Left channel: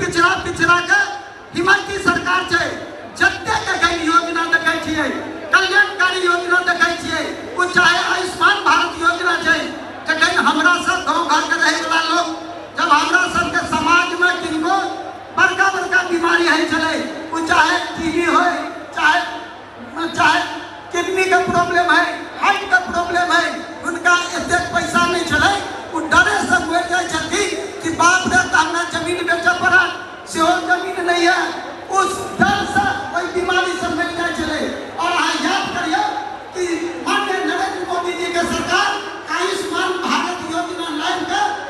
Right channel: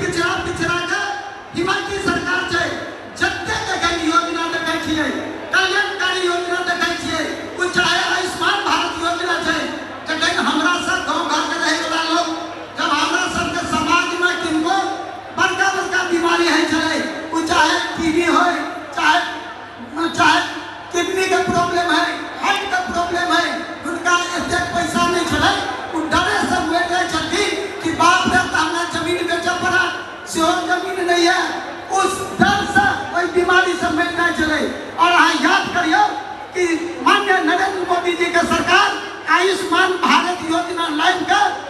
पिछड़ा पिछड़ा के हिम्मत की सरकार छे जत्ते के योजना देखै छियै, कल्याणकारी योजना देखै छियै, ओ चाहे आयुष्मान भारत योजना छे, जखन हमरा सब गाँव घर के रहे वाला लोग जब हमरा सब के समाज में किनको बड़का बड़का बीमारी है छले, ओ चाहे टीबी हो, चाहे किडनी का प्रॉब्लम है, हार्ट का प्रॉब्लम है, उनका एते पैसा नहीं चले, वो डरे से मर जाए छथिन कि बाप रे हमरा जमीन बेचे पड़ा, सेहो जमीन नहीं है, उस डर से कोई बीमारी से मर जाए चले। और हाँ याद करियो कि माननीय नरेंद्र मोदी जी के सरकार आयुष्मान भारत योजना लाइन कर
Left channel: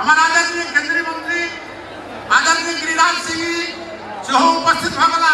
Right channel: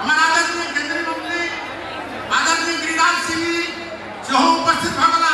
हमारा आदरणीय केंद्रीय मंत्री आदरणीय गिरिराज सिंह जी उपस्थित भगला